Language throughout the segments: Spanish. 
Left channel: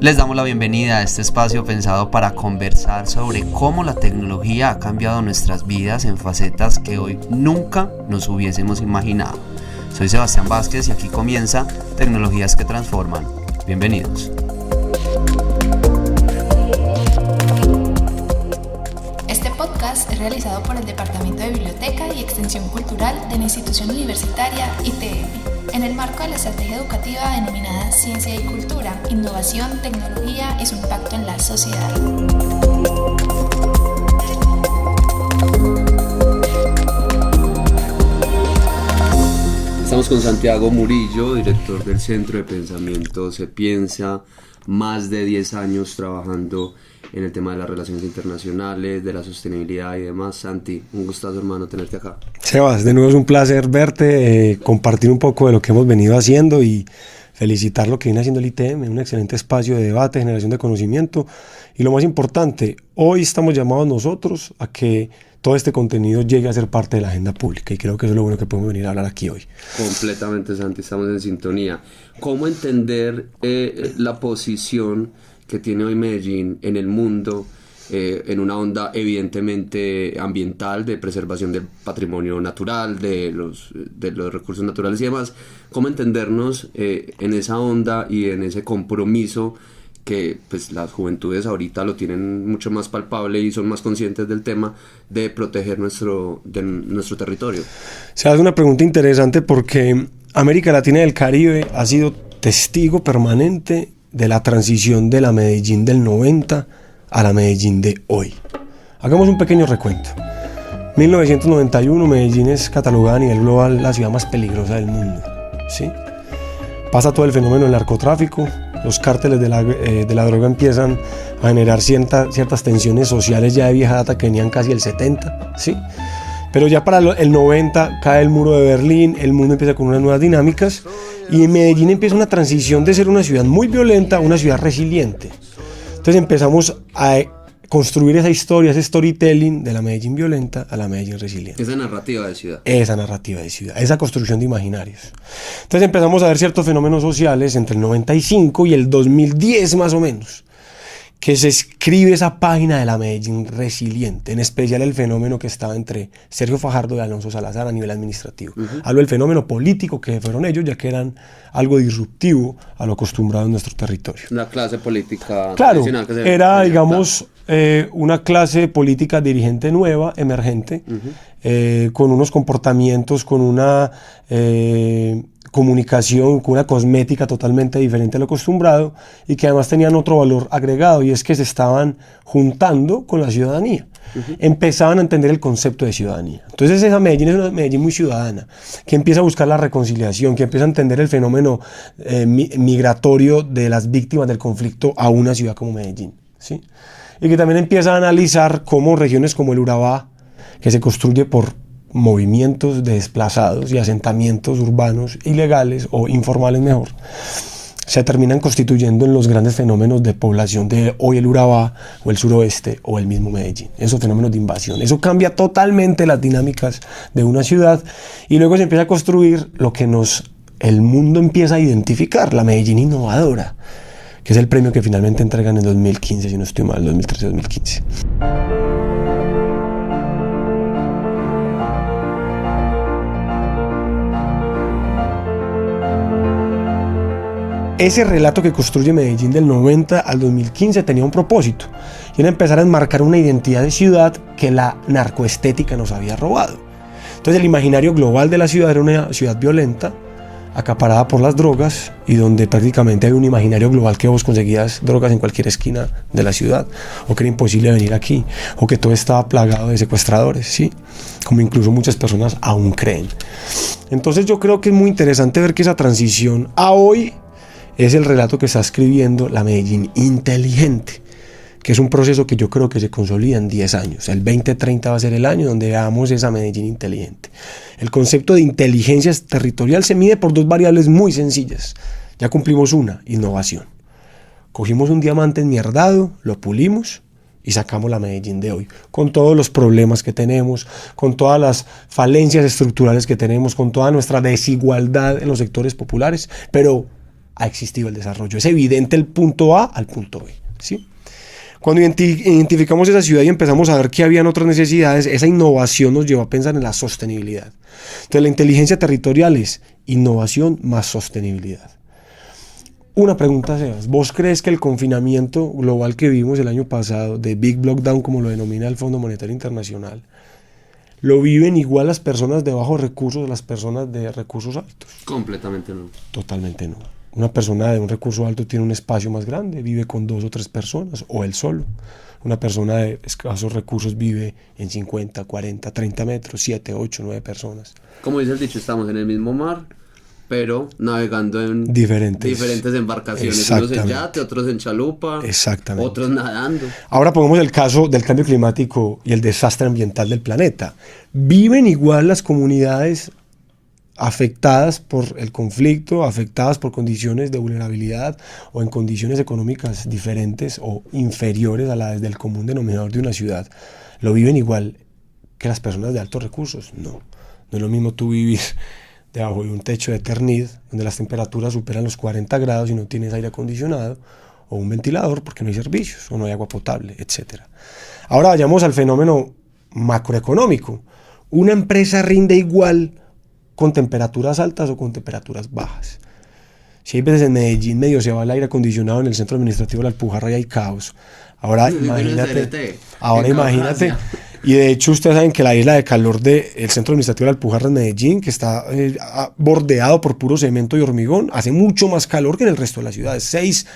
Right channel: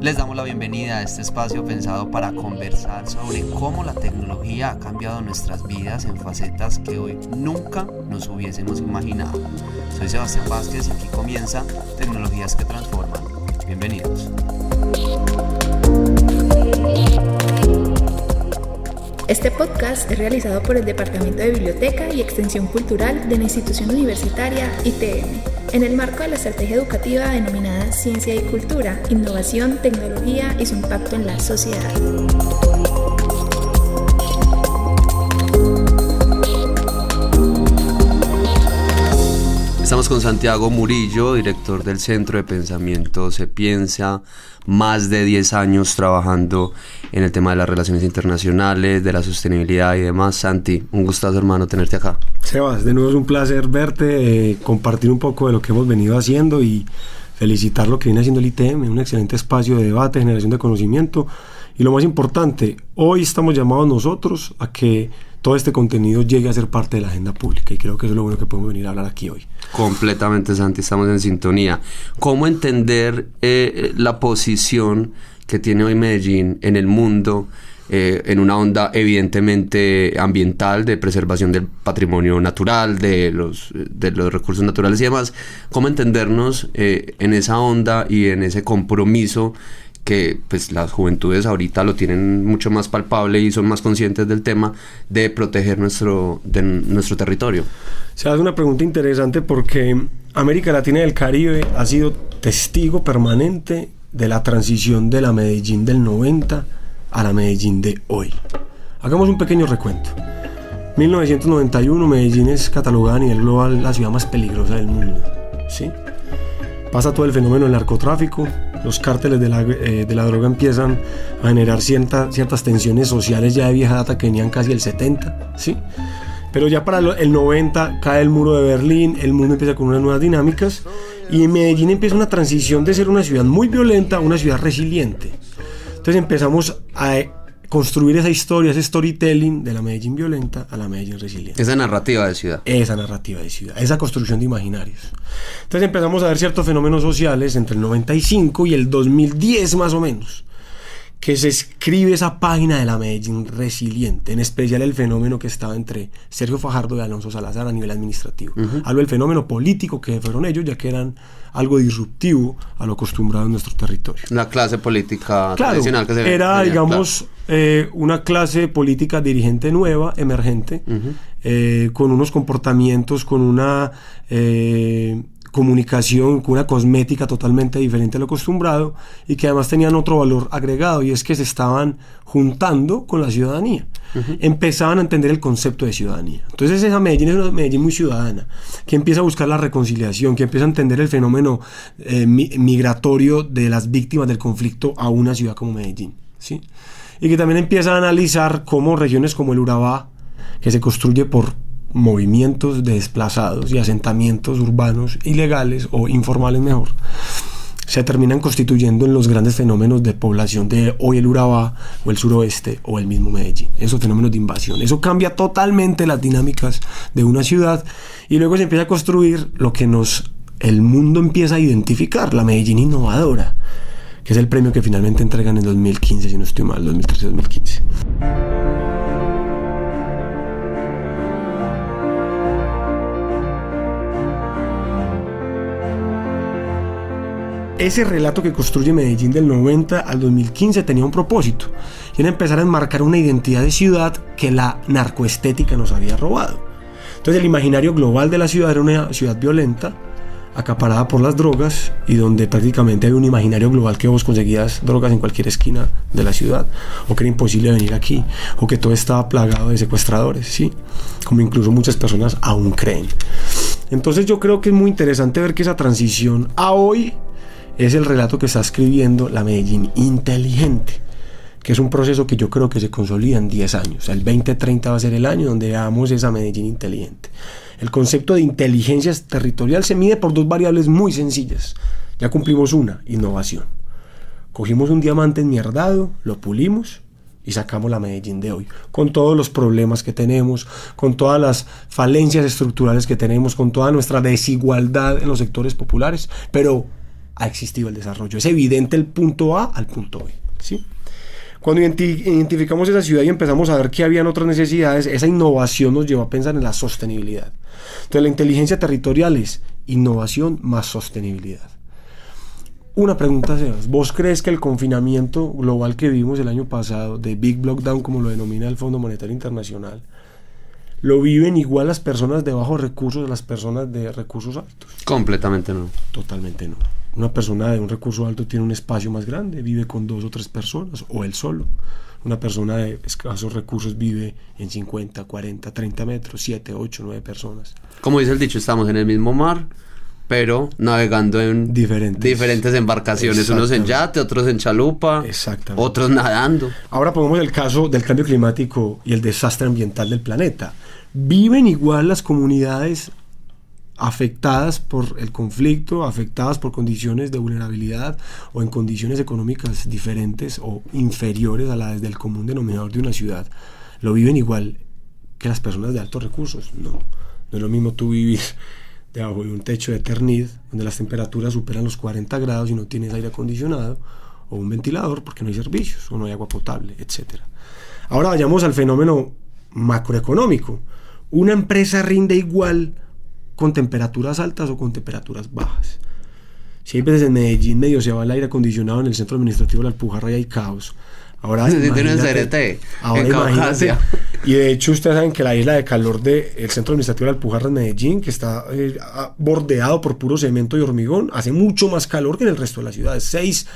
Les damos la bienvenida a este espacio pensado para conversar sobre cómo la tecnología ha cambiado nuestras vidas en facetas que hoy nunca nos hubiésemos imaginado. Soy Sebastián Vázquez y aquí comienza Tecnologías que Transforman. Bienvenidos. Este podcast es realizado por el Departamento de Biblioteca y Extensión Cultural de la Institución Universitaria ITM, en el marco de la estrategia educativa denominada Ciencia y Cultura, Innovación, Tecnología y su impacto en la sociedad. Estamos con Santiago Murillo, director del Centro de Pensamiento Se Piensa, más de 10 años trabajando en el tema de las relaciones internacionales, de la sostenibilidad y demás. Santi, un gustazo, hermano, tenerte acá. Sebas, de nuevo es un placer verte, compartir un poco de lo que hemos venido haciendo y felicitar lo que viene haciendo el ITM, un excelente espacio de debate, generación de conocimiento. Y lo más importante, hoy estamos llamados nosotros a que todo este contenido llegue a ser parte de la agenda pública, y creo que eso es lo bueno que podemos venir a hablar aquí hoy. Completamente, Santi, estamos en sintonía. ¿Cómo entender la posición que tiene hoy Medellín en el mundo, en una onda evidentemente ambiental, de preservación del patrimonio natural, de los recursos naturales y demás? ¿Cómo entendernos en esa onda y en ese compromiso que pues las juventudes ahorita lo tienen mucho más palpable y son más conscientes del tema de proteger nuestro territorio? O sea, es una pregunta interesante porque América Latina y el Caribe ha sido testigo permanente de la transición de la Medellín del 90 a la Medellín de hoy. Hagamos un pequeño recuento. 1991, Medellín es catalogada a nivel global la ciudad más peligrosa del mundo, ¿sí? Pasa todo el fenómeno del narcotráfico, los cárteles de la droga empiezan a generar ciertas tensiones sociales ya de vieja data que venían casi el 70, ¿sí? Pero ya para el 90 cae el muro de Berlín, el mundo empieza con unas nuevas dinámicas y en Medellín empieza una transición de ser una ciudad muy violenta a una ciudad resiliente. Entonces empezamos a construir esa historia, ese storytelling de la Medellín violenta a la Medellín resiliente. Esa narrativa de ciudad. Esa construcción de imaginarios. Entonces empezamos a ver ciertos fenómenos sociales entre el 95 y el 2010 más o menos, que se escribe esa página de la Medellín resiliente, en especial el fenómeno que estaba entre Sergio Fajardo y Alonso Salazar a nivel administrativo. Hablo del fenómeno político que fueron ellos, ya que eran algo disruptivo a lo acostumbrado en nuestro territorio. La clase política tradicional que se era, veía, digamos, una clase política dirigente nueva, emergente, con unos comportamientos, con una comunicación, con una cosmética totalmente diferente a lo acostumbrado, y que además tenían otro valor agregado, y es que se estaban juntando con la ciudadanía. Empezaban a entender el concepto de ciudadanía. Entonces esa Medellín es una Medellín muy ciudadana, que empieza a buscar la reconciliación, que empieza a entender el fenómeno migratorio de las víctimas del conflicto a una ciudad como Medellín, ¿sí? Y que también empieza a analizar cómo regiones como el Urabá, que se construye por movimientos de desplazados y asentamientos urbanos ilegales o informales mejor, se terminan constituyendo en los grandes fenómenos de población de hoy el Urabá o el suroeste o el mismo Medellín. Esos fenómenos de invasión, eso cambia totalmente las dinámicas de una ciudad, y luego se empieza a construir lo que el mundo empieza a identificar, la Medellín innovadora, que es el premio que finalmente entregan en 2015, si no estoy mal, 2013-2015. Ese relato que construye Medellín del 90 al 2015 tenía un propósito, y era empezar a enmarcar una identidad de ciudad que la narcoestética nos había robado. Entonces el imaginario global de la ciudad era una ciudad violenta, acaparada por las drogas, y donde prácticamente había un imaginario global que vos conseguías drogas en cualquier esquina de la ciudad, o que era imposible venir aquí, o que todo estaba plagado de secuestradores, ¿sí? Como incluso muchas personas aún creen. Entonces yo creo que es muy interesante ver que esa transición a hoy es el relato que está escribiendo la Medellín inteligente, que es un proceso que yo creo que se consolida en 10 años. El 2030 va a ser el año donde veamos esa Medellín inteligente. El concepto de inteligencia territorial se mide por dos variables muy sencillas. Ya cumplimos una: innovación. Cogimos un diamante enmierdado, lo pulimos y sacamos la Medellín de hoy, con todos los problemas que tenemos, con todas las falencias estructurales que tenemos, con toda nuestra desigualdad en los sectores populares, pero ha existido el desarrollo. Es evidente el punto A al punto B, ¿sí? Cuando identificamos esa ciudad y empezamos a ver que habían otras necesidades, esa innovación nos llevó a pensar en la sostenibilidad. Entonces la inteligencia territorial es innovación más sostenibilidad. Una pregunta, Sebas. ¿Vos crees que el confinamiento global que vimos el año pasado, de Big Lockdown como lo denomina el Fondo Monetario Internacional, lo viven igual las personas de bajos recursos de las personas de recursos altos? Completamente no. Totalmente no. Una persona de un recurso alto tiene un espacio más grande, vive con 2 o 3 personas, o él solo. Una persona de escasos recursos vive en 50, 40, 30 metros, 7, 8, 9 personas. Como dice el dicho, estamos en el mismo mar, pero navegando en diferentes embarcaciones. Unos en yate, otros en chalupa, otros nadando. Ahora pongamos el caso del cambio climático y el desastre ambiental del planeta. ¿Viven igual las comunidades afectadas por el conflicto, afectadas por condiciones de vulnerabilidad o en condiciones económicas diferentes o inferiores a las del común denominador de una ciudad? ¿Lo viven igual que las personas de altos recursos? No. No es lo mismo tú vivir debajo de un techo de Eternit, donde las temperaturas superan los 40 grados y no tienes aire acondicionado o un ventilador porque no hay servicios o no hay agua potable, etc. Ahora vayamos al fenómeno macroeconómico. ¿Una empresa rinde igual con temperaturas altas o con temperaturas bajas? Si hay veces en Medellín medio se va el aire acondicionado en el centro administrativo de la Alpujarra y hay caos. Ahora imagínate, y de hecho ustedes saben que la isla de calor del centro administrativo de la Alpujarra en Medellín, que está bordeado por puro cemento y hormigón, hace mucho más calor que en el resto de la ciudad, 6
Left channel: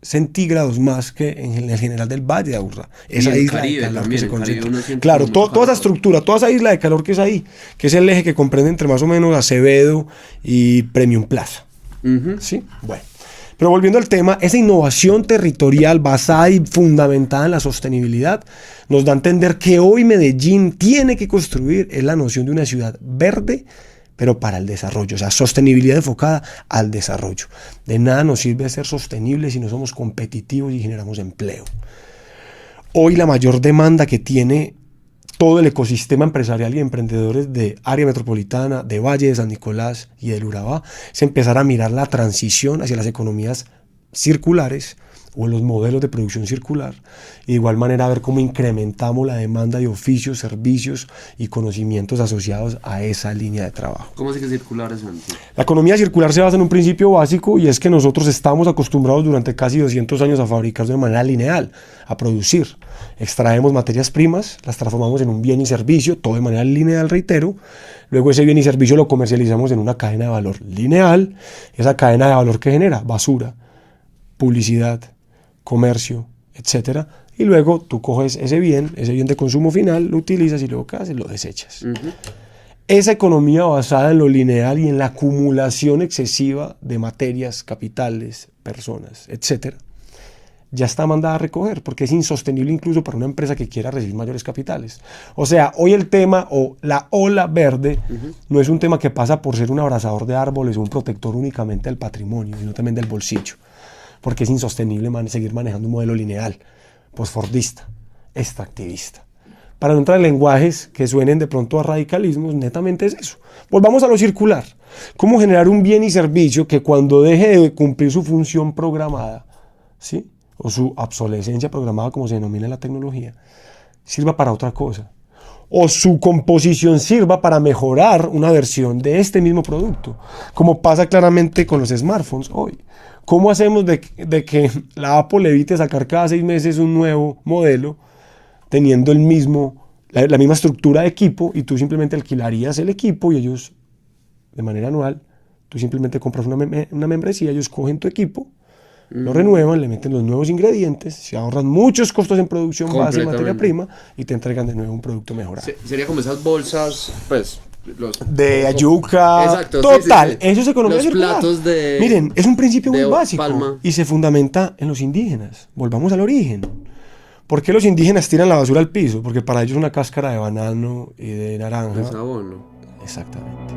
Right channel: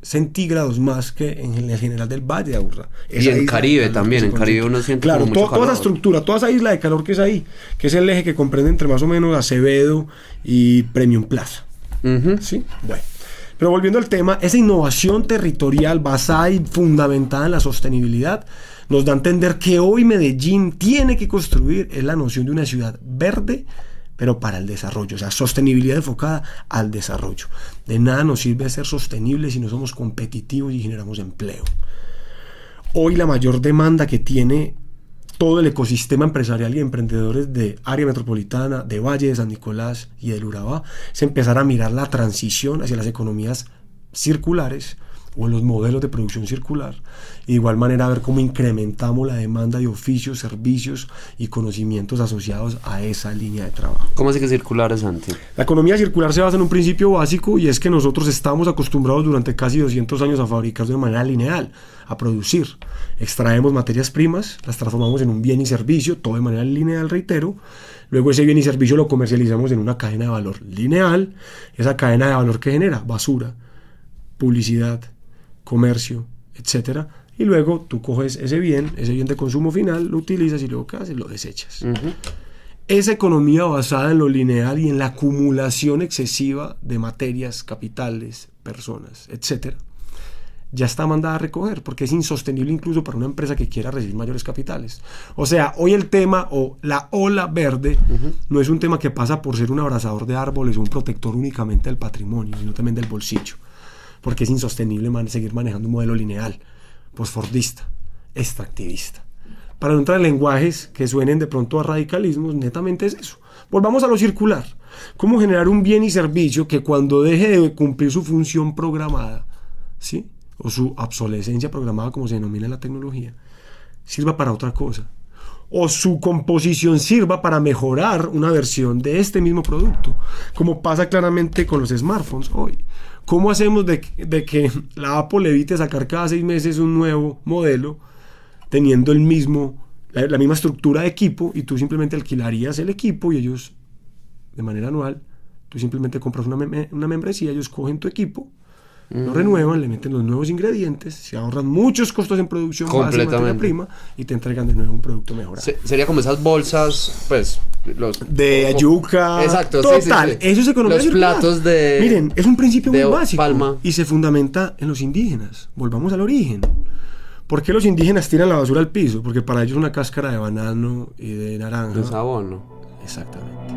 centígrados más que en el general del Valle de Aburrá. Y en Caribe también, en Caribe uno siente claro, toda esa estructura, toda esa isla de calor que es ahí, que es el eje que comprende entre más o menos Acevedo y Premium Plaza. ¿Sí? Bueno. Pero volviendo al tema, esa innovación territorial basada y fundamentada en la sostenibilidad nos da a entender que hoy Medellín tiene que construir es la noción de una ciudad verde, pero para el desarrollo, o sea, sostenibilidad enfocada al desarrollo. De nada nos sirve ser sostenibles si no somos competitivos y generamos empleo. Hoy la mayor demanda que tiene todo el ecosistema empresarial y emprendedores de área metropolitana, de Valle de San Nicolás y del Urabá, es empezar a mirar la transición hacia las economías circulares o los modelos de producción circular, y de igual manera ver cómo incrementamos la demanda de oficios, servicios y conocimientos asociados a esa línea de trabajo. ¿Cómo así que circular es antes? La economía circular se basa en un principio básico, y es que nosotros estamos acostumbrados durante casi 200 años a fabricar de una manera lineal, a producir. Extraemos materias primas, las transformamos en un bien y servicio, todo de manera lineal, reitero. Luego ese bien y servicio lo comercializamos en una cadena de valor lineal. Esa cadena de valor que genera basura, publicidad, comercio, etcétera. Y luego tú coges ese bien de consumo final, lo utilizas y luego ¿qué haces? Lo desechas. Esa economía basada en lo lineal y en la acumulación excesiva de materias, capitales, personas, etcétera, ya está mandada a recoger, porque es insostenible incluso para una empresa que quiera recibir mayores capitales. O sea, hoy el tema o la ola verde no es un tema que pasa por ser un abrazador de árboles o un protector únicamente del patrimonio, sino también del bolsillo, porque es insostenible seguir manejando un modelo lineal, posfordista, extractivista. Para no entrar en lenguajes que suenen de pronto a radicalismos, netamente es eso. Volvamos a lo circular. ¿Cómo generar un bien y servicio que cuando deje de cumplir su función programada, ¿sí?, o su obsolescencia programada, como se denomina en la tecnología, sirva para otra cosa, o su composición sirva para mejorar una versión de este mismo producto, como pasa claramente con los smartphones hoy? ¿Cómo hacemos de que la Apple evite sacar cada 6 meses un nuevo modelo teniendo la misma estructura de equipo, y tú simplemente alquilarías el equipo y ellos de manera anual, tú simplemente compras una membresía, ellos cogen tu equipo, lo renuevan, le meten los nuevos ingredientes, se ahorran muchos costos en producción base de materia prima y te entregan de nuevo un producto mejorado. Sería como esas bolsas, pues, de yuca. Exacto, total, sí. Eso es economía los circular. Platos de... Miren, es un principio muy básico palma. Y se fundamenta en los indígenas. Volvamos al origen. ¿Por qué los indígenas tiran la basura al piso? Porque para ellos una cáscara de banano y de naranja es abono. Exactamente.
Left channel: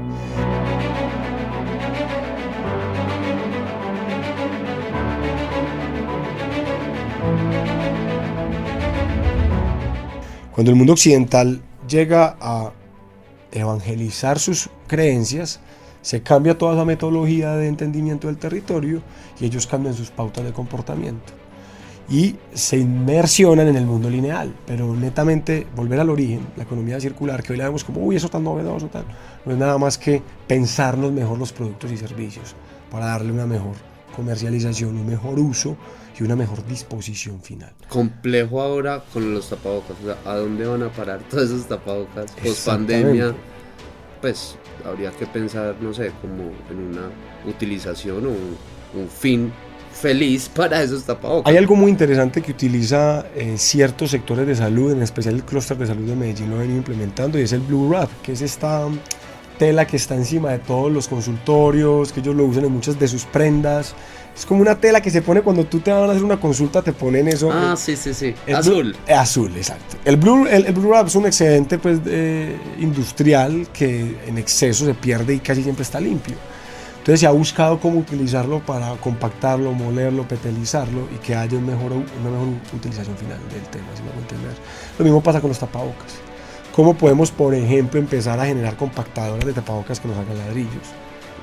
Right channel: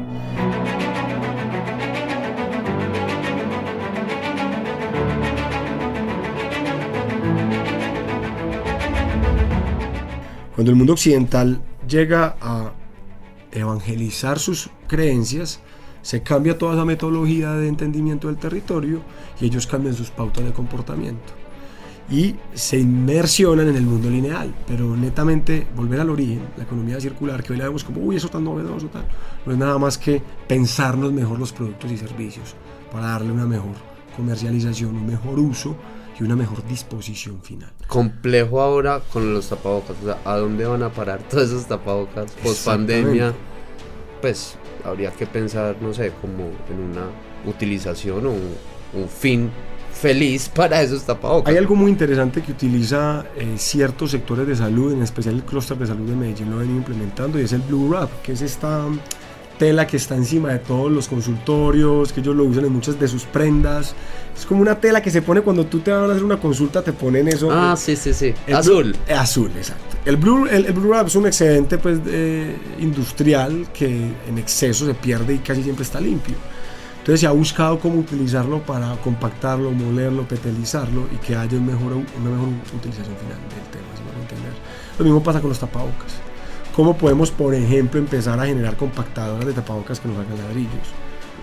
Cuando el mundo occidental llega a evangelizar sus creencias, se cambia toda esa metodología de entendimiento del territorio y ellos cambian sus pautas de comportamiento y se inmersionan en el mundo lineal, pero netamente volver al origen, la economía circular, que hoy la vemos como, uy, eso tan novedoso, tal, no es nada más que pensarnos mejor los productos y servicios para darle una mejor comercialización, un mejor uso y una mejor disposición final. Complejo ahora con los tapabocas, o sea, ¿a dónde van a parar todos esos tapabocas post pandemia? Pues habría que pensar, no sé, como en una utilización o un fin feliz para esos tapabocas. Hay algo muy interesante que utiliza ciertos sectores de salud, en especial el clúster de salud de Medellín lo ven implementando, y es el Blue Wrap, que es esta tela que está encima de todos los consultorios, que ellos lo usan en muchas de sus prendas. Es como una tela que se pone cuando tú te van a hacer una consulta, te ponen eso. Ah, sí, azul. Azul, exacto. El Blue Wrap es un excedente pues, industrial que en exceso se pierde y casi siempre está limpio. Entonces se ha buscado cómo utilizarlo para compactarlo, molerlo, petelizarlo y que haya una mejor utilización final del tema, ¿sí me puedo entender? Lo mismo pasa con los tapabocas. ¿Cómo podemos, por ejemplo, empezar a generar compactadoras de tapabocas que nos hagan ladrillos?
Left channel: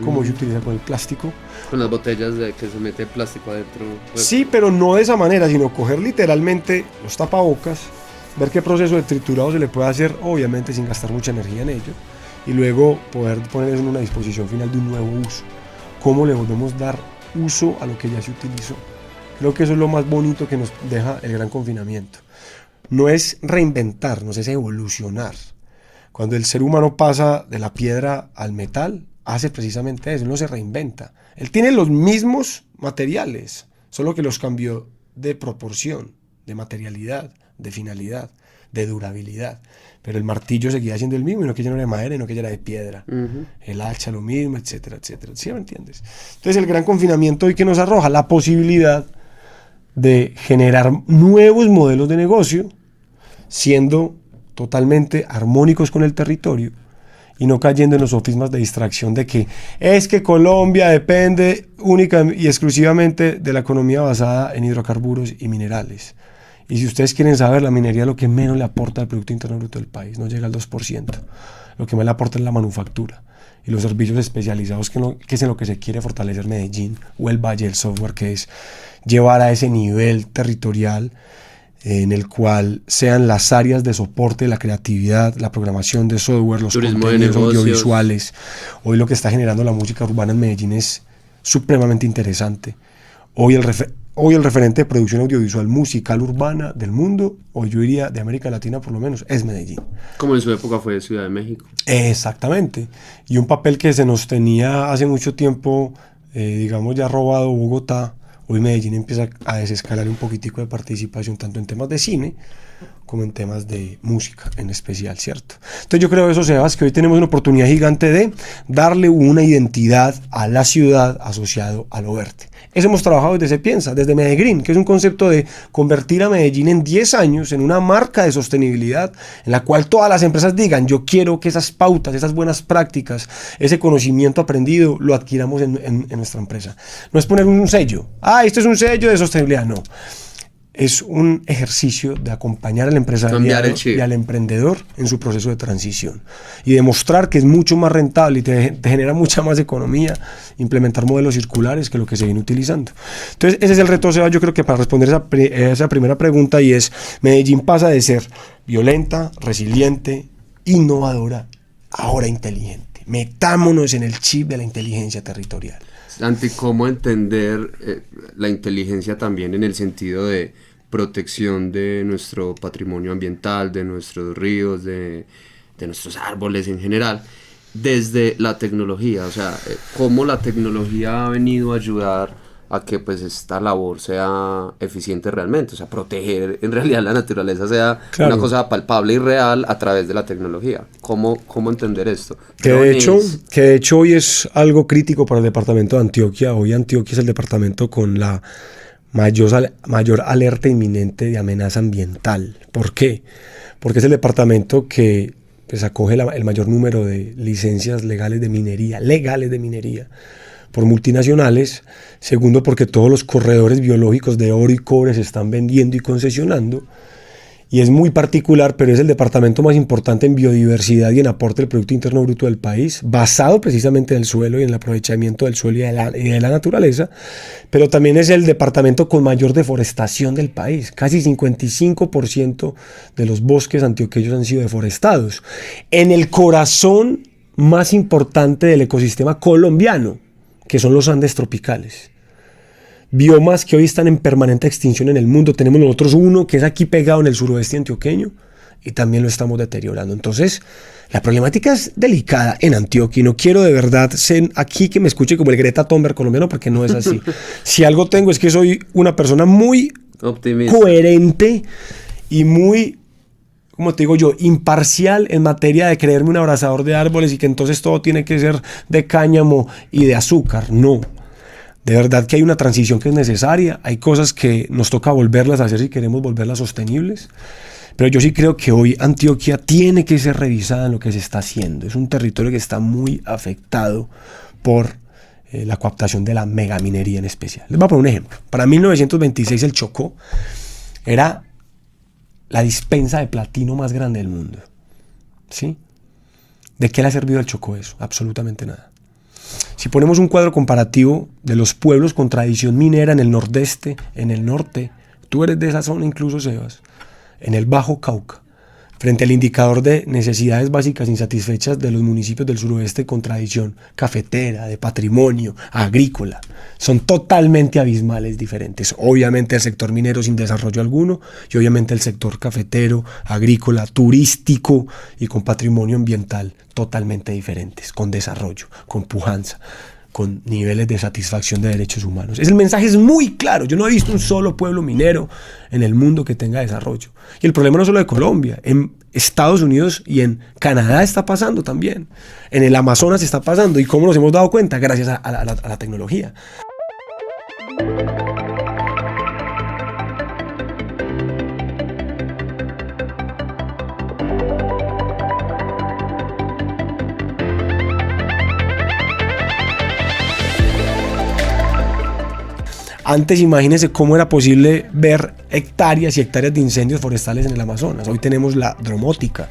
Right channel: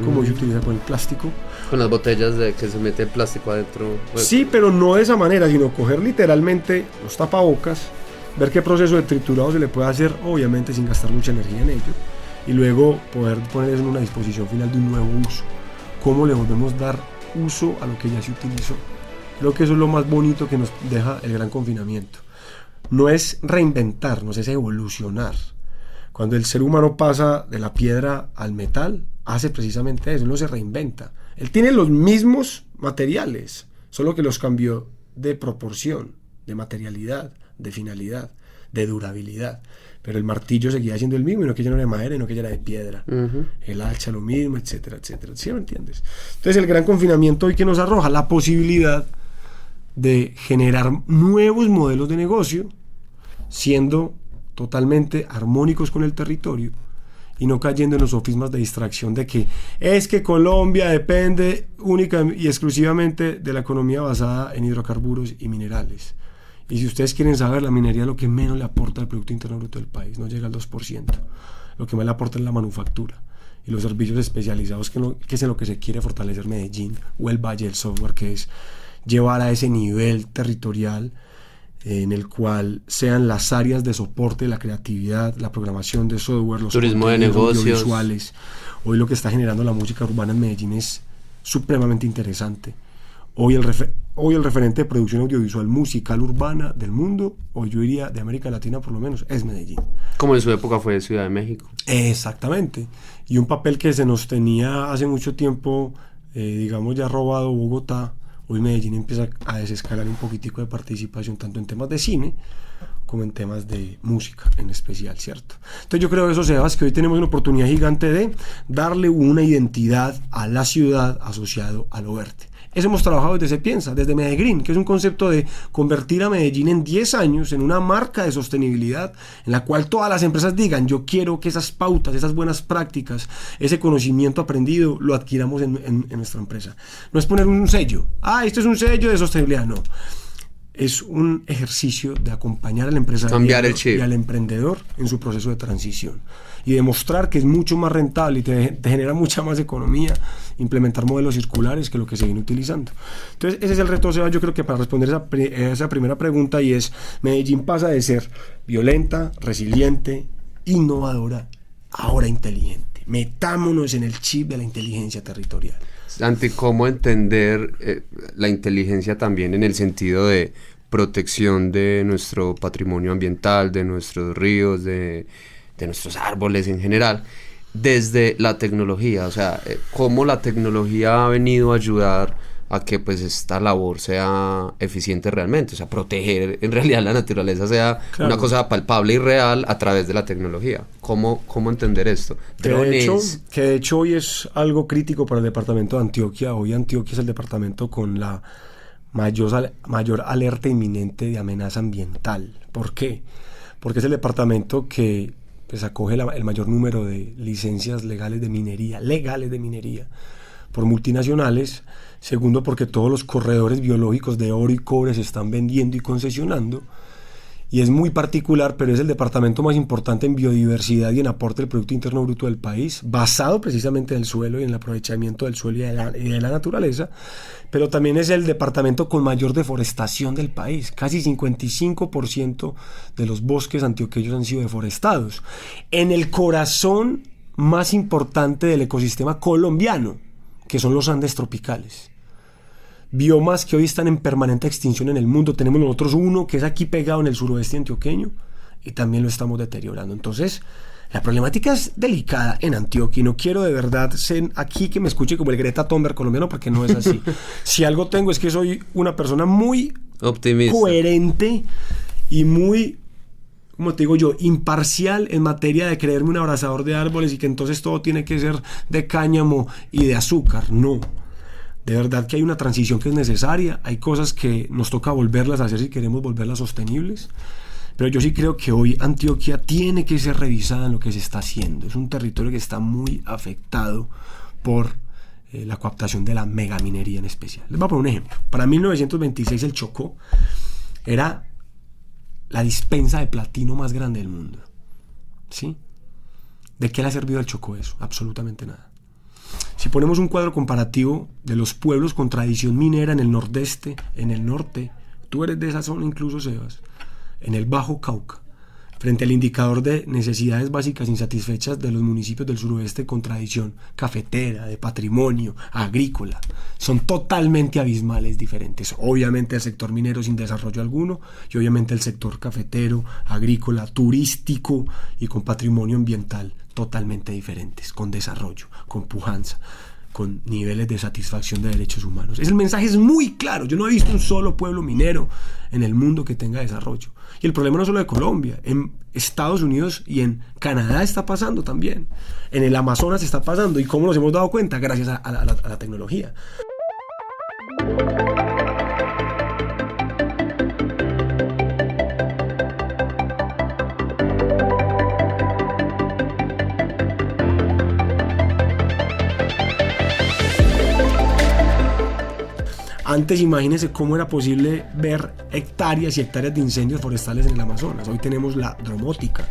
¿Cómo se utiliza con el plástico? Con las botellas de que se mete plástico adentro. Sí, pero no de esa manera, sino coger literalmente los tapabocas, ver qué proceso de triturado se le puede hacer, obviamente sin gastar mucha energía en ello, y luego poder ponerles en una disposición final de un nuevo uso. ¿Cómo le volvemos a dar uso a lo que ya se utilizó? Creo que eso es lo más bonito que nos deja el gran confinamiento. No es reinventarnos, es evolucionar. Cuando el ser humano pasa de la piedra al metal, hace precisamente eso, no se reinventa. Él tiene los mismos materiales, solo que los cambió de proporción, de materialidad, de finalidad, de durabilidad. Pero el martillo seguía siendo el mismo, y no que ya no era de madera, y no que ya era de piedra. El hacha lo mismo, etcétera, etcétera. ¿Sí me entiendes? Entonces el gran confinamiento hoy que nos arroja la posibilidad de generar nuevos modelos de negocio, siendo totalmente armónicos con el territorio y no cayendo en los sofismas de distracción de que es que Colombia depende única y exclusivamente de la economía basada en hidrocarburos y minerales. Y si ustedes quieren saber, la minería es lo que menos le aporta al Producto Interno Bruto del país, no llega al 2%. Lo que más le aporta es la manufactura y los servicios especializados, que es en lo que se quiere fortalecer Medellín o el Valle del Software, que es llevar a ese nivel territorial en el cual sean las áreas de soporte, la creatividad, la programación de software, los contenidos audiovisuales. Hoy lo que está generando la música urbana en Medellín es supremamente interesante. Hoy el referente de producción audiovisual musical urbana del mundo, o yo diría de América Latina por lo menos, es Medellín. Como en su época fue Ciudad de México. Exactamente. Y un papel que se nos tenía hace mucho tiempo, digamos ya robado Bogotá, hoy Medellín empieza a desescalar un poquitico de participación tanto en temas de cine como en temas de música en especial, ¿cierto? Entonces yo creo que eso se da, es que hoy tenemos una oportunidad gigante de darle una identidad a la ciudad asociado a lo verde. Eso hemos trabajado desde Se Piensa, desde Medellín, que es un concepto de convertir a Medellín en 10 años en una marca de sostenibilidad en la cual todas las empresas digan, yo quiero que esas pautas, esas buenas prácticas, ese conocimiento aprendido lo adquiramos en nuestra empresa. No es poner un sello, esto es un sello de sostenibilidad, no. Es un ejercicio de acompañar al empresario y al emprendedor en su proceso de transición y demostrar que es mucho más rentable y te genera mucha más economía implementar modelos circulares que lo que se viene utilizando. Entonces ese es el reto, Seba, yo creo que para responder esa primera pregunta, y es: Medellín pasa de ser violenta, resiliente, innovadora, ahora inteligente. Metámonos en el chip de la inteligencia territorial. Santi, ¿cómo entender la inteligencia también en el sentido de protección de nuestro patrimonio ambiental, de nuestros ríos, de nuestros árboles en general, desde la tecnología? O sea, ¿cómo la tecnología ha venido a ayudar a que pues esta labor sea eficiente realmente? O sea, proteger en realidad la naturaleza sea una cosa palpable y real a través de la tecnología. ¿Cómo entender esto? Que de hecho hoy es algo crítico para el departamento de Antioquia. Hoy Antioquia es el departamento con la mayor alerta inminente de amenaza ambiental. ¿Por qué? Porque es el departamento que pues acoge el mayor número de licencias legales de minería por multinacionales. Segundo, porque todos los corredores biológicos de oro y cobre se están vendiendo y concesionando. y es muy particular, pero es el departamento más importante en biodiversidad y en aporte del Producto Interno Bruto del país, basado precisamente en el suelo y en el aprovechamiento del suelo y de la naturaleza, pero también es el departamento con mayor deforestación del país. Casi 55% de los bosques antioqueños han sido deforestados, en el corazón más importante del ecosistema colombiano, que son los Andes tropicales. Biomas que hoy están en permanente extinción en el mundo. Tenemos nosotros uno que es aquí pegado en el suroeste antioqueño y también lo estamos deteriorando. Entonces, la problemática es delicada en Antioquia y no quiero de verdad ser aquí que me escuche como el Greta Thunberg colombiano, porque no es así. Si algo tengo es que soy una persona muy optimista, coherente y muy, como te digo yo, imparcial en materia de creerme un abrazador de árboles y que entonces todo tiene que ser de cáñamo y de azúcar. No. De verdad que hay una transición que es necesaria, hay cosas que nos toca volverlas a hacer si queremos volverlas sostenibles, pero yo sí creo que hoy Antioquia tiene que ser revisada en lo que se está haciendo. Es un territorio que está muy afectado por la coaptación de la megaminería en especial. Les voy a poner un ejemplo. Para 1926 el Chocó era la dispensa de platino más grande del mundo. ¿Sí? ¿De qué le ha servido al Chocó eso? Absolutamente nada. Si ponemos un cuadro comparativo de los pueblos con tradición minera en el nordeste, en el norte, tú eres de esa zona incluso, Sebas, en el Bajo Cauca, frente al indicador de necesidades básicas insatisfechas de los municipios del suroeste con tradición cafetera, de patrimonio, agrícola, son totalmente abismales diferentes. Obviamente el sector minero sin desarrollo alguno y obviamente el sector cafetero, agrícola, turístico y con patrimonio ambiental totalmente diferentes, con desarrollo, con pujanza, con niveles de satisfacción de derechos humanos. El mensaje es muy claro. Yo no he visto un solo pueblo minero en el mundo que tenga desarrollo. Y el problema no solo de Colombia, en Estados Unidos y en Canadá está pasando también. En el Amazonas está pasando. ¿Y cómo nos hemos dado cuenta? Gracias a la tecnología. Antes imagínense cómo era posible ver hectáreas y hectáreas de incendios forestales en el Amazonas. Hoy tenemos la dromótica,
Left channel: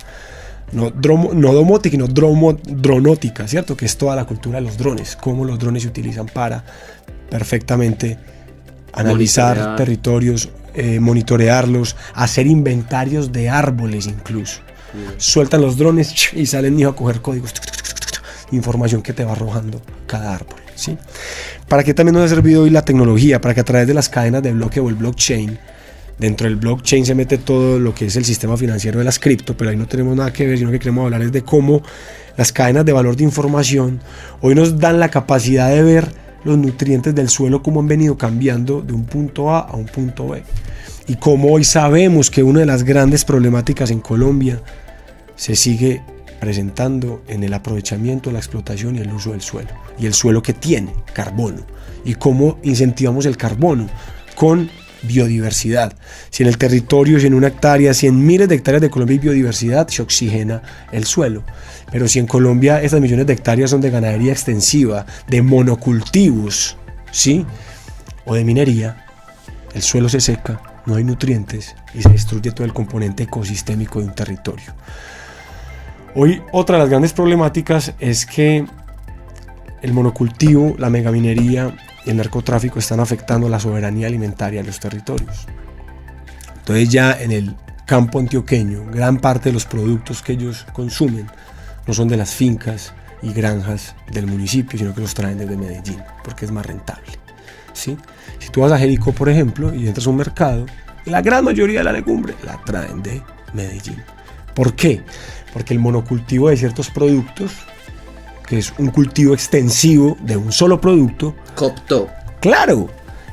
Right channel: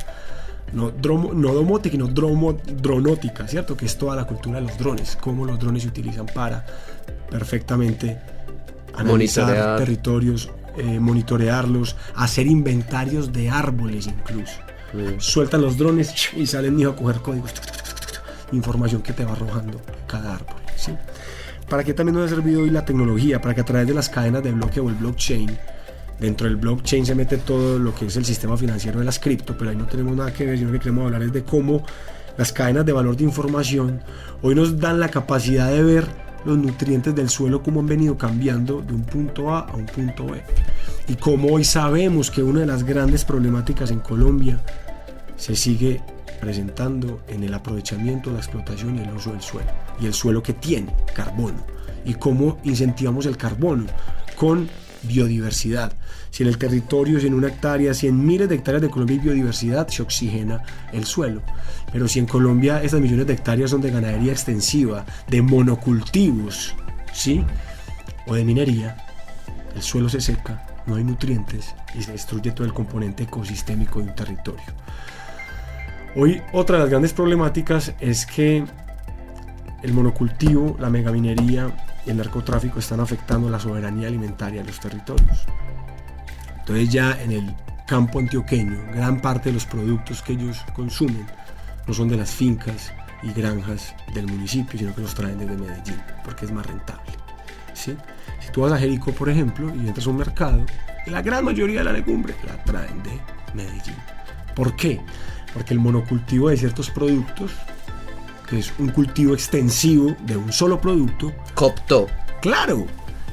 no domótica, sino dronótica, ¿cierto? Que es toda la cultura de los drones, cómo los drones se utilizan para perfectamente analizar territorios, monitorearlos, hacer inventarios de árboles incluso. Sueltan los drones y salen a coger códigos, información que te va arrojando cada árbol, ¿sí? ¿Para qué también nos ha servido hoy la tecnología? Para que a través de las cadenas de bloque o el blockchain, dentro del blockchain se mete todo lo que es el sistema financiero de las cripto, pero ahí no tenemos nada que ver, sino que queremos hablar es de cómo las cadenas de valor de información hoy nos dan la capacidad de ver los nutrientes del suelo, cómo han venido cambiando de un punto A un punto B. Y cómo hoy sabemos que una de las grandes problemáticas en Colombia se sigue presentando en el aprovechamiento, la explotación y el uso del suelo. Y el suelo que tiene carbono. Y cómo incentivamos el carbono con biodiversidad. Si en el territorio, si en una hectárea, si en miles de hectáreas de Colombia hay biodiversidad, se oxigena el suelo. Pero si en Colombia estas millones de hectáreas son de ganadería extensiva, de monocultivos, ¿sí? O de minería, el suelo se seca, no hay nutrientes y se destruye todo el componente ecosistémico de un territorio. Hoy otra de las grandes problemáticas es que el monocultivo, la megaminería y el narcotráfico están afectando la soberanía alimentaria de los territorios. Entonces ya en el campo antioqueño, gran parte de los productos que ellos consumen no son de las fincas y granjas del municipio, sino que los traen desde Medellín, porque es más rentable, ¿sí? Si tú vas a Jericó, por ejemplo, y entras a un mercado, la gran mayoría de la legumbre la traen de Medellín. ¿Por qué? Porque el monocultivo de ciertos productos, que es un cultivo extensivo de un solo producto, cooptó. Claro,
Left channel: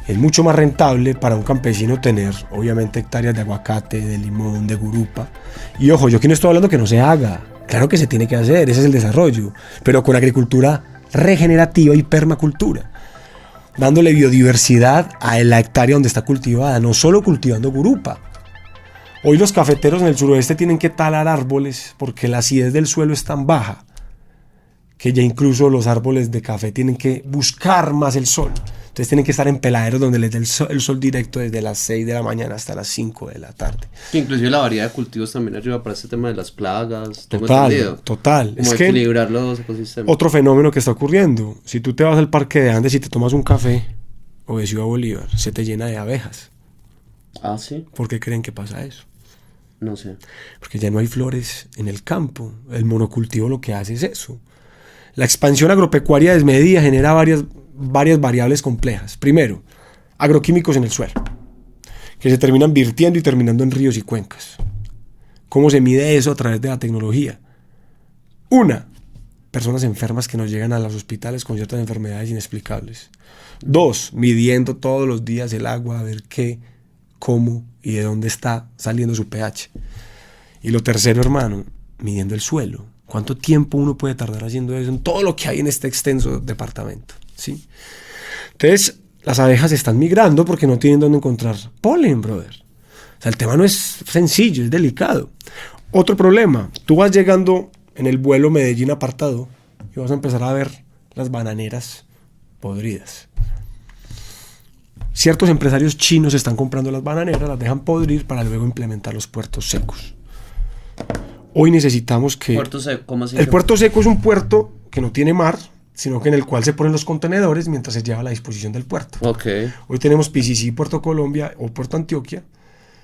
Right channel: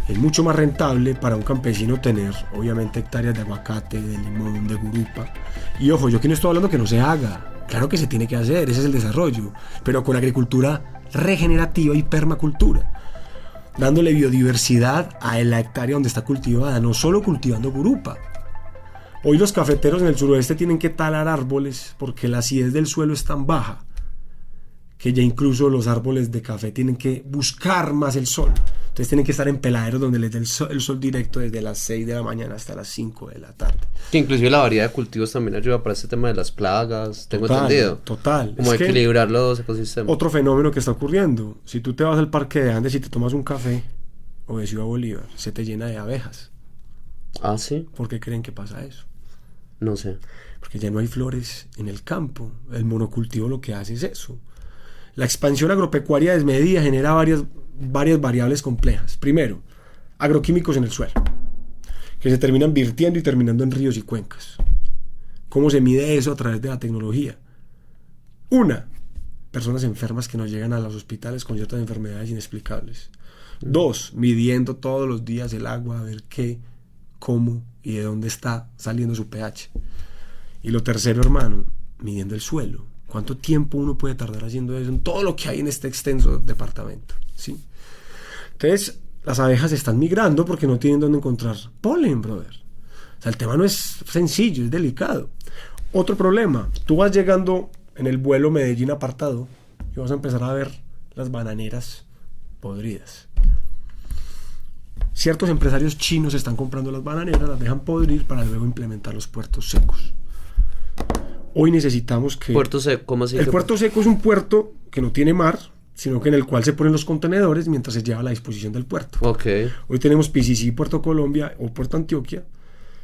es mucho más rentable para un campesino tener, obviamente, hectáreas de aguacate, de limón, de gurupa. Y ojo, yo aquí no estoy hablando que no se haga. Claro que se tiene que hacer, ese es el desarrollo, pero con agricultura regenerativa y permacultura, dándole biodiversidad a la hectárea donde está cultivada, no solo cultivando gurupa. Hoy los cafeteros en el suroeste tienen que talar árboles porque la acidez del suelo es tan baja que ya incluso los árboles de café tienen que buscar más el sol. Entonces tienen que estar en peladeros donde les dé el sol directo desde las 6 de la mañana hasta las 5 de la tarde. Inclusive la variedad de cultivos también ayuda para este tema de las plagas, tengo Total, entendido. total. Como Es equilibrar los ecosistemas. otro fenómeno que está ocurriendo. Si tú te vas al Parque de Andes y te tomas un café o de Ciudad Bolívar, se te llena de abejas. Ah, ¿sí? ¿Por qué creen que pasa eso? No sé. Porque ya no hay flores en el campo. El monocultivo lo que hace es eso. La expansión agropecuaria desmedida genera varias variables complejas. Primero, agroquímicos en el suelo, que se terminan virtiendo y terminando en ríos y cuencas. ¿Cómo se mide eso a través de la tecnología? Una, personas enfermas que nos llegan a los hospitales con ciertas enfermedades inexplicables. Dos, midiendo todos los días el agua, a ver qué, cómo y de dónde está saliendo su pH. Y lo tercero, hermano, midiendo el suelo. ¿Cuánto tiempo uno puede tardar haciendo eso en todo lo que hay en este extenso departamento? ¿Sí? Entonces, las abejas están migrando porque no tienen dónde encontrar polen, brother. O sea, el tema no es sencillo, es delicado. Otro problema, tú vas llegando en el vuelo Medellín apartado y vas a empezar a ver las bananeras podridas. Ciertos empresarios chinos están comprando las bananeras, las dejan podrir para luego implementar los puertos secos. Hoy necesitamos que... ¿Puerto seco? ¿Cómo así? El puerto seco es un puerto que no tiene mar, sino que en el cual se ponen los contenedores mientras se lleva a la disposición del puerto. Ok. Hoy tenemos PCC Puerto Colombia o Puerto Antioquia.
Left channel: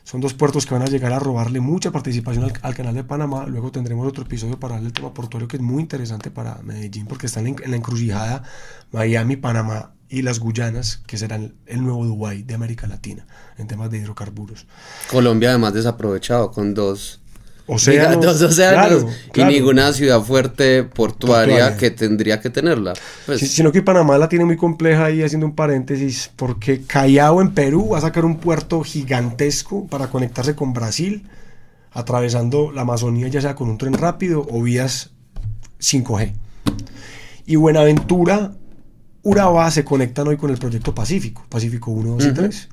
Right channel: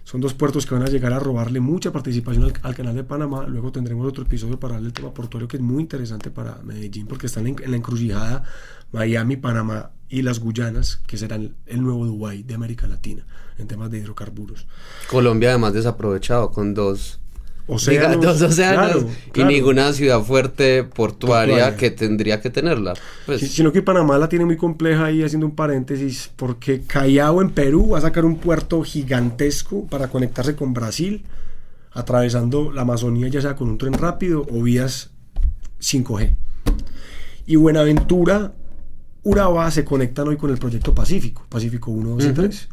Son dos puertos que van a llegar a robarle mucha participación al canal de Panamá. Luego tendremos otro episodio para hablar del tema portuario que es muy interesante para Medellín porque están en la encrucijada Miami, Panamá y las Guyanas, que serán el nuevo Dubái de América Latina en temas de hidrocarburos. Colombia además desaprovechado con dos Océanos, océanos claro. Y ninguna ciudad fuerte portuaria que tendría que tenerla. Pues, Sino que Panamá la tiene muy compleja ahí, haciendo un paréntesis, porque Callao en Perú va a sacar un puerto gigantesco para conectarse con Brasil, atravesando la Amazonía ya sea con un tren rápido o vías 5G. Y Buenaventura, Urabá se conectan hoy con el proyecto Pacífico 1, 2 y 3.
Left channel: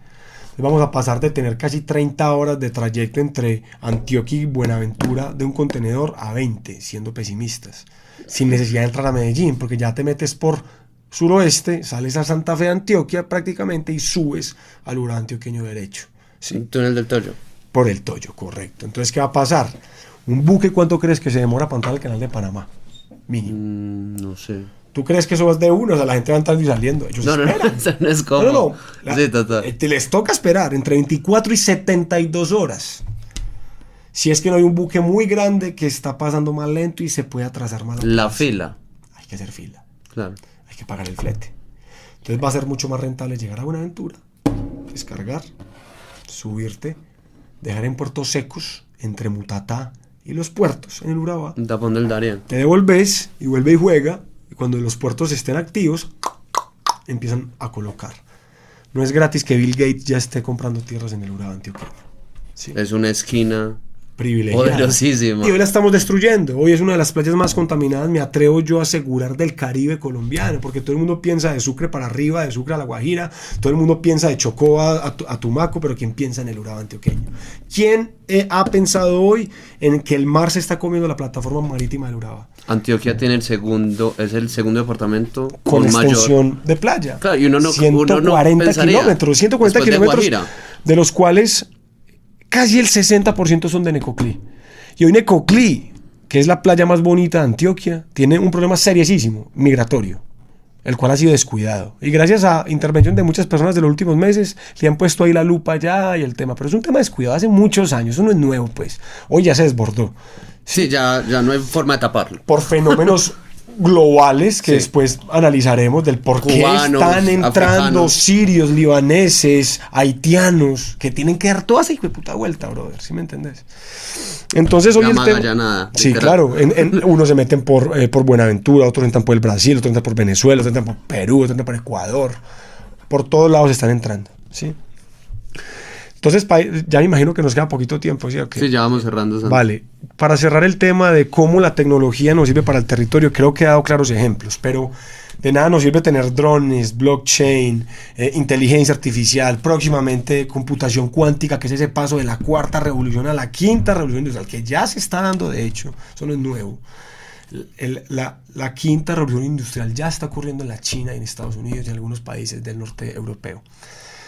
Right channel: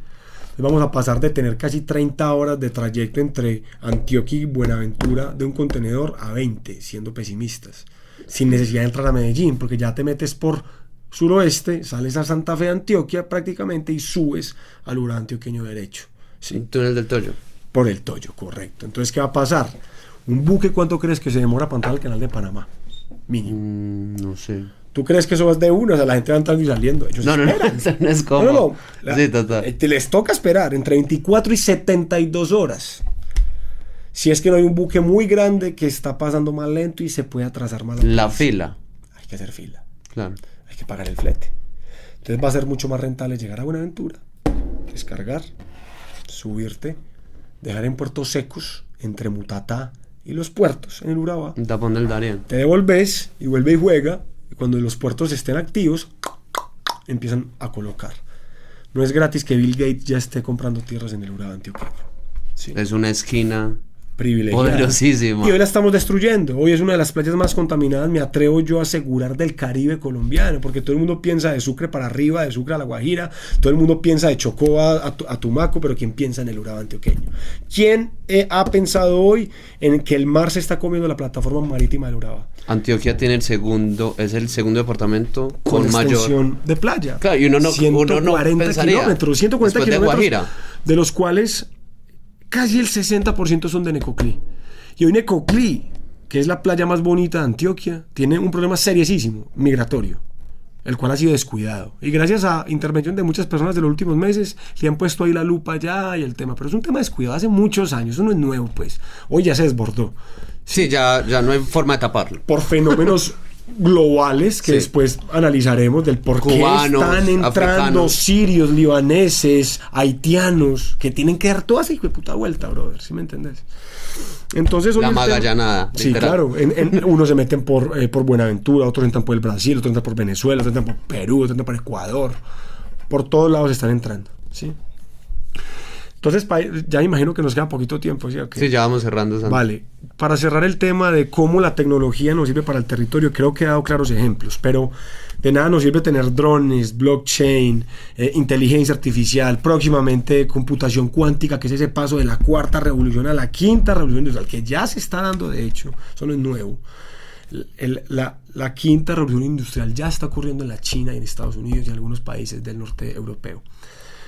Vamos a pasar de tener casi 30 horas de trayecto entre Antioquia y Buenaventura de un contenedor a 20, siendo pesimistas, sin necesidad de entrar a Medellín, porque ya te metes por suroeste, sales a Santa Fe, Antioquia prácticamente y subes al Urabá antioqueño derecho. ¿Sí? el túnel del Toyo. Por el Toyo, correcto. Entonces, ¿qué va a pasar? ¿Un buque cuánto crees que se demora para entrar al canal de Panamá? Mínimo. No sé. ¿Tú crees que eso es de uno? O sea, la gente va entrando y saliendo. Ellos esperan. Eso no es como... No. Sí, total. Les toca esperar entre 24 y 72 horas. Si es que no hay un buque muy grande que está pasando más lento y se puede atrasar más. La fila. Hay que hacer fila. Claro. Hay que pagar el flete. Entonces va a ser mucho más rentable llegar a Buenaventura, descargar, subirte, dejar en puertos secos entre Mutatá y los puertos en el Urabá. Un tapón del Darién. Te devolves y vuelve y juega. Y cuando los puertos estén activos, empiezan a colocar. No es gratis que Bill Gates ya esté comprando tierras en el Urabá antioqueño. Sí. Es una esquina Privilegiada. poderosísima. Y hoy la estamos destruyendo. Hoy es una de las playas más contaminadas, me atrevo yo a asegurar, del Caribe colombiano, porque todo el mundo piensa de Sucre para arriba, de Sucre a La Guajira, todo el mundo piensa de Chocó a Tumaco, pero ¿quién piensa en el Urabá antioqueño? ¿Quién ha pensado hoy en que el mar se está comiendo la plataforma marítima del Urabá? Antioquia tiene es el segundo departamento Con extensión mayor de playa. Claro, y uno no 140 pensaría, kilómetros, 140 después de kilómetros, Guajira. de los cuales casi el 60% son de Necoclí. Y hoy Necoclí, que es la playa más bonita de Antioquia, tiene un problema seriosísimo, migratorio, el cual ha sido descuidado. Y gracias a intervención de muchas personas de los últimos meses, le han puesto ahí la lupa ya y el tema. Pero es un tema descuidado hace muchos años, eso no es nuevo, pues. Hoy ya se desbordó. Sí, ya no hay forma de taparlo. Por fenómenos globales que después analizaremos del por qué Cubanos, están entrando africanos, sirios, libaneses, haitianos, que tienen que dar toda esa hijo de puta vuelta, brother, ¿sí me entendés? Entonces hoy la Magallanada. sí, claro, unos se meten por Buenaventura, otros entran por el Brasil, otros entran por Venezuela, otros entran por Perú, otros entran por Ecuador, por todos lados están entrando, ¿sí? Entonces ya me imagino que nos queda poquito tiempo, ¿sí? Okay. Sí, ya vamos cerrando. Santi. Vale, para cerrar el tema de cómo la tecnología nos sirve para el territorio, creo que he dado claros ejemplos, pero de nada nos sirve tener drones, blockchain, inteligencia artificial, próximamente computación cuántica, que es ese paso de la cuarta revolución a la quinta revolución industrial, que ya se está dando de hecho, eso no es nuevo. La quinta revolución industrial ya está ocurriendo en la China, en Estados Unidos y en algunos países del norte europeo.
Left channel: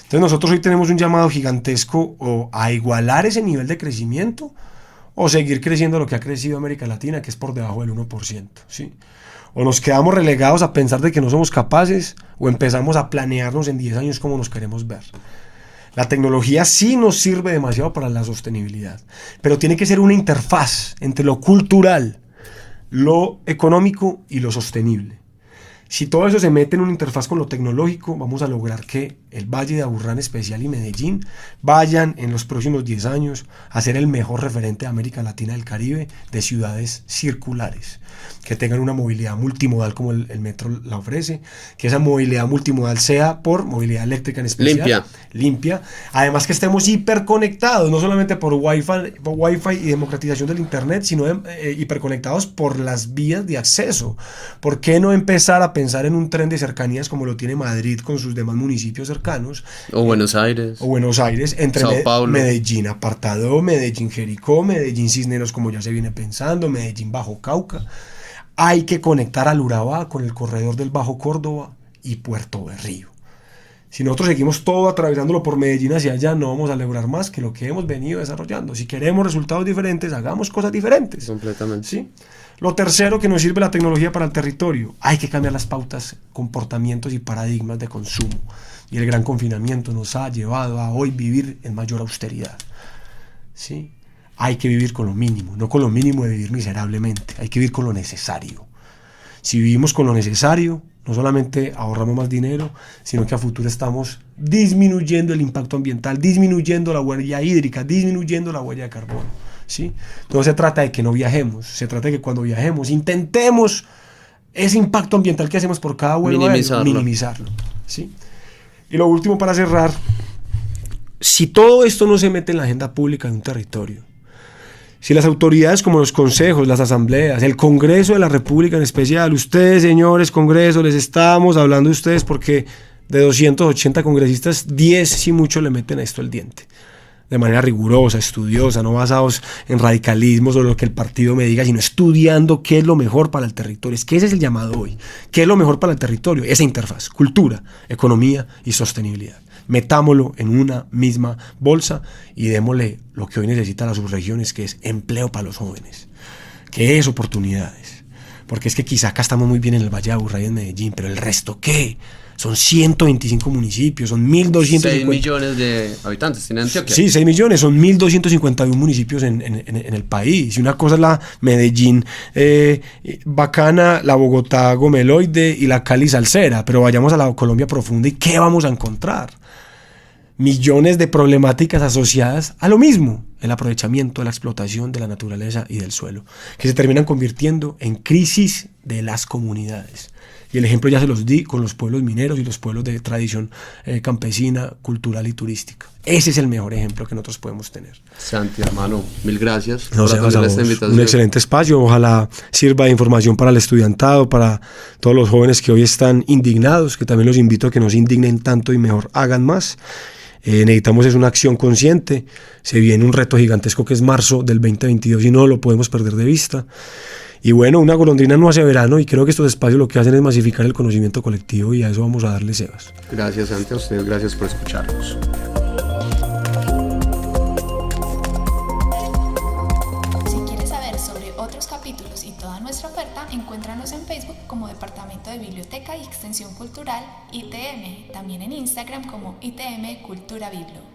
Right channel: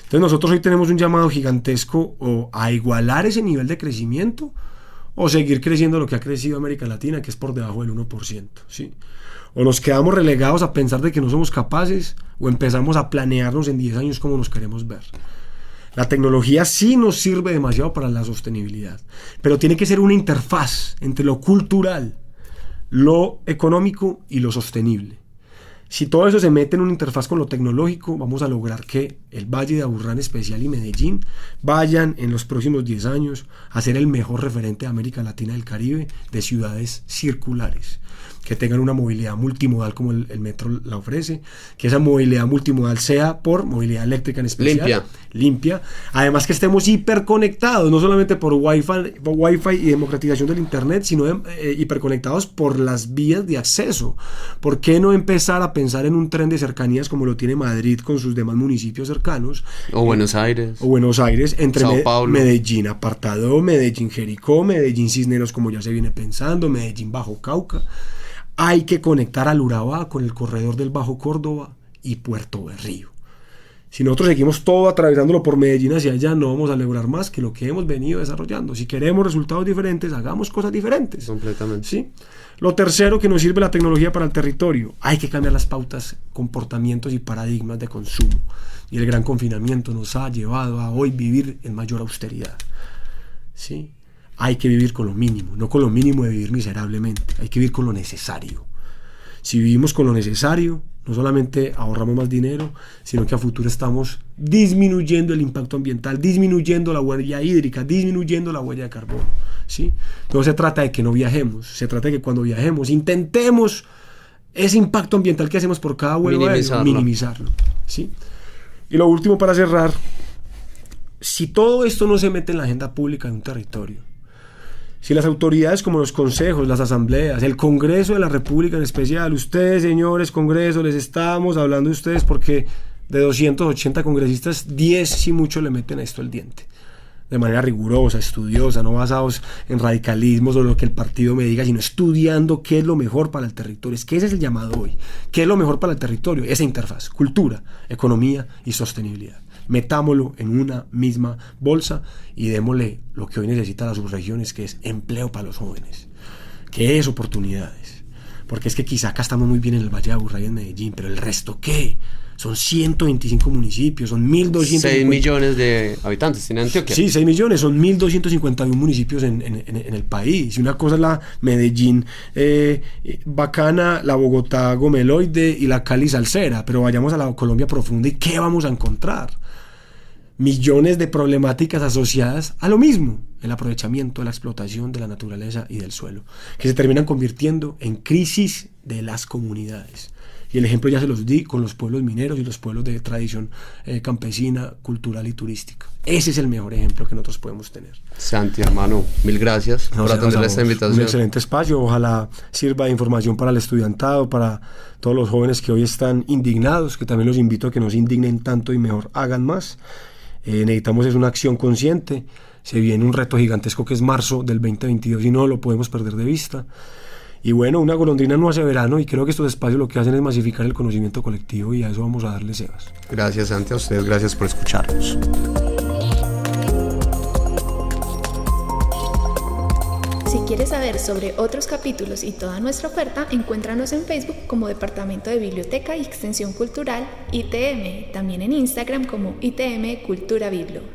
Entonces nosotros hoy tenemos un llamado gigantesco o a igualar ese nivel de crecimiento o seguir creciendo lo que ha crecido América Latina, que es por debajo del 1%, ¿sí? O nos quedamos relegados a pensar de que no somos capaces o empezamos a planearnos en 10 años cómo nos queremos ver. La tecnología sí nos sirve demasiado para la sostenibilidad, pero tiene que ser una interfaz entre lo cultural, lo económico y lo sostenible. Si todo eso se mete en una interfaz con lo tecnológico, vamos a lograr que el Valle de Aburrá en especial y Medellín vayan en los próximos 10 años a ser el mejor referente de América Latina y del Caribe de ciudades circulares, que tengan una movilidad multimodal como el metro la ofrece, que esa movilidad multimodal sea por movilidad eléctrica en especial. Limpia. Además que estemos hiperconectados, no solamente por Wi-Fi y democratización del Internet, sino hiperconectados por las vías de acceso. ¿Por qué no empezar a pensar en un tren de cercanías como lo tiene Madrid con sus demás municipios cercanos? O Buenos Aires. Entre Sao Paulo. Medellín Apartadó, Medellín Jericó, Medellín Cisneros, como ya se viene pensando, Medellín Bajo Cauca. Hay que conectar al Urabá con el corredor del Bajo Córdoba y Puerto Berrío. Si nosotros seguimos todo atravesándolo por Medellín hacia allá, no vamos a lograr más que lo que hemos venido desarrollando. Si queremos resultados diferentes, hagamos cosas diferentes. Completamente. ¿Sí? Lo tercero que nos sirve la tecnología para el territorio, hay que cambiar las pautas, comportamientos y paradigmas de consumo. Y el gran confinamiento nos ha llevado a hoy vivir en mayor austeridad. ¿Sí? Hay que vivir con lo mínimo, no con lo mínimo de vivir miserablemente, hay que vivir con lo necesario. Si vivimos con lo necesario, no solamente ahorramos más dinero, sino que a futuro estamos disminuyendo el impacto ambiental, disminuyendo la huella hídrica, disminuyendo la huella de carbono, ¿sí? No se trata de que no viajemos, se trata de que cuando viajemos intentemos ese impacto ambiental que hacemos por cada vuelo minimizarlo, ¿sí? Y lo último para cerrar, si todo esto no se mete en la agenda pública de un territorio, si las autoridades como los consejos, las asambleas, el Congreso de la República en especial, ustedes, señores Congreso, les estamos hablando a ustedes porque de 280 congresistas, 10 si mucho le meten a esto el diente. De manera rigurosa, estudiosa, no basados en radicalismos o lo que el partido me diga, sino estudiando qué es lo mejor para el territorio. Es que ese es el llamado hoy. ¿Qué es lo mejor para el territorio? Esa interfaz, cultura, economía y sostenibilidad. Metámoslo en una misma bolsa y démosle lo que hoy necesitan las subregiones, que es empleo para los jóvenes, que es oportunidades. Porque es que quizá acá estamos muy bien en el Valle de Aburrá y en Medellín, pero el resto, ¿qué? Son 125 municipios, son 1.200... 6 millones de habitantes tiene Antioquia. Sí, 6 millones, son 1.251 municipios en el país. Y una cosa es la Medellín bacana, la Bogotá gomeloide y la Cali salsera, pero vayamos a la Colombia profunda y ¿qué vamos a encontrar? Millones de problemáticas asociadas a lo mismo, el aprovechamiento, la explotación de la naturaleza y del suelo, que se terminan convirtiendo en crisis de las comunidades. Y el ejemplo ya se los di con los pueblos mineros y los pueblos de tradición campesina, cultural y turística. Ese es el mejor ejemplo que nosotros podemos tener. Santi, hermano, mil gracias por atender esta invitación. Un excelente espacio, ojalá sirva de información para el estudiantado, para todos los jóvenes que hoy están indignados, que también los invito a que no se indignen tanto y mejor hagan más. Necesitamos es una acción consciente, se viene un reto gigantesco que es marzo del 2022 y no lo podemos perder de vista. Y bueno, una golondrina no hace verano y creo que estos espacios lo que hacen es masificar el conocimiento colectivo y a eso vamos a darle cebas. Gracias, Santi, a ustedes, gracias por escucharnos. Si quieres saber sobre otros capítulos y toda nuestra oferta, encuéntranos en Facebook como Departamento de Biblioteca y Extensión Cultural ITM, también en Instagram como ITM Cultura Biblo.